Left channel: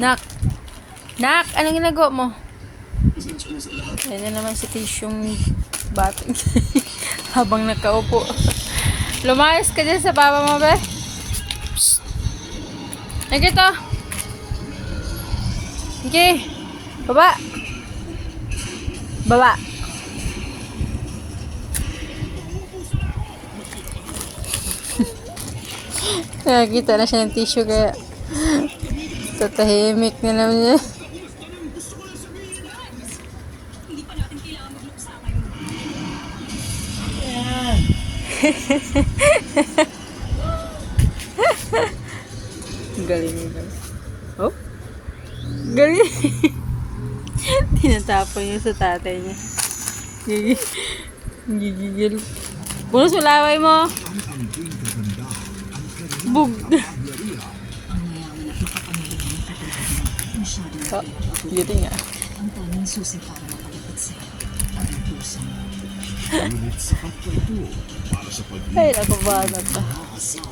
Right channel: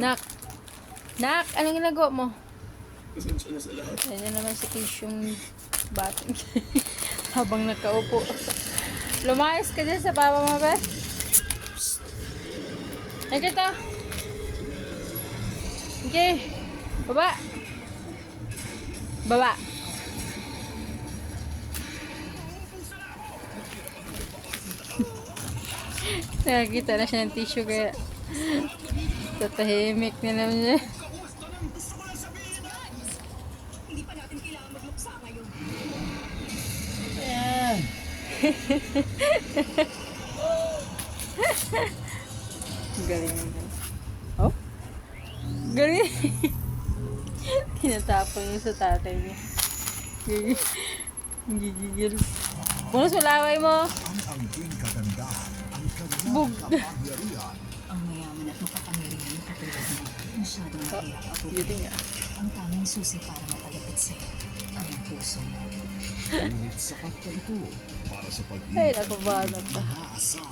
Nak! Nak! Anong ginagawa mo? Yan na naman si Tisyong bating. Habang nakaupo. Lumayas ka dyan sa papa mo, be. Psst. Nakita. Okay. Baba. Baba. Nakakita na siya ng tissue kaya tatahimik na naman niya. Galing mo. Oh? Galing. Tinatapon niya sa tatay niya. Gigi- Gigigil. Puno sa laway mo. Bug. Oh, beauty niya. ang tanging susi para mapalipit sila ang puso mo. Ngunit sapat pa ito para sa Ay, naku ba na to? pag-asa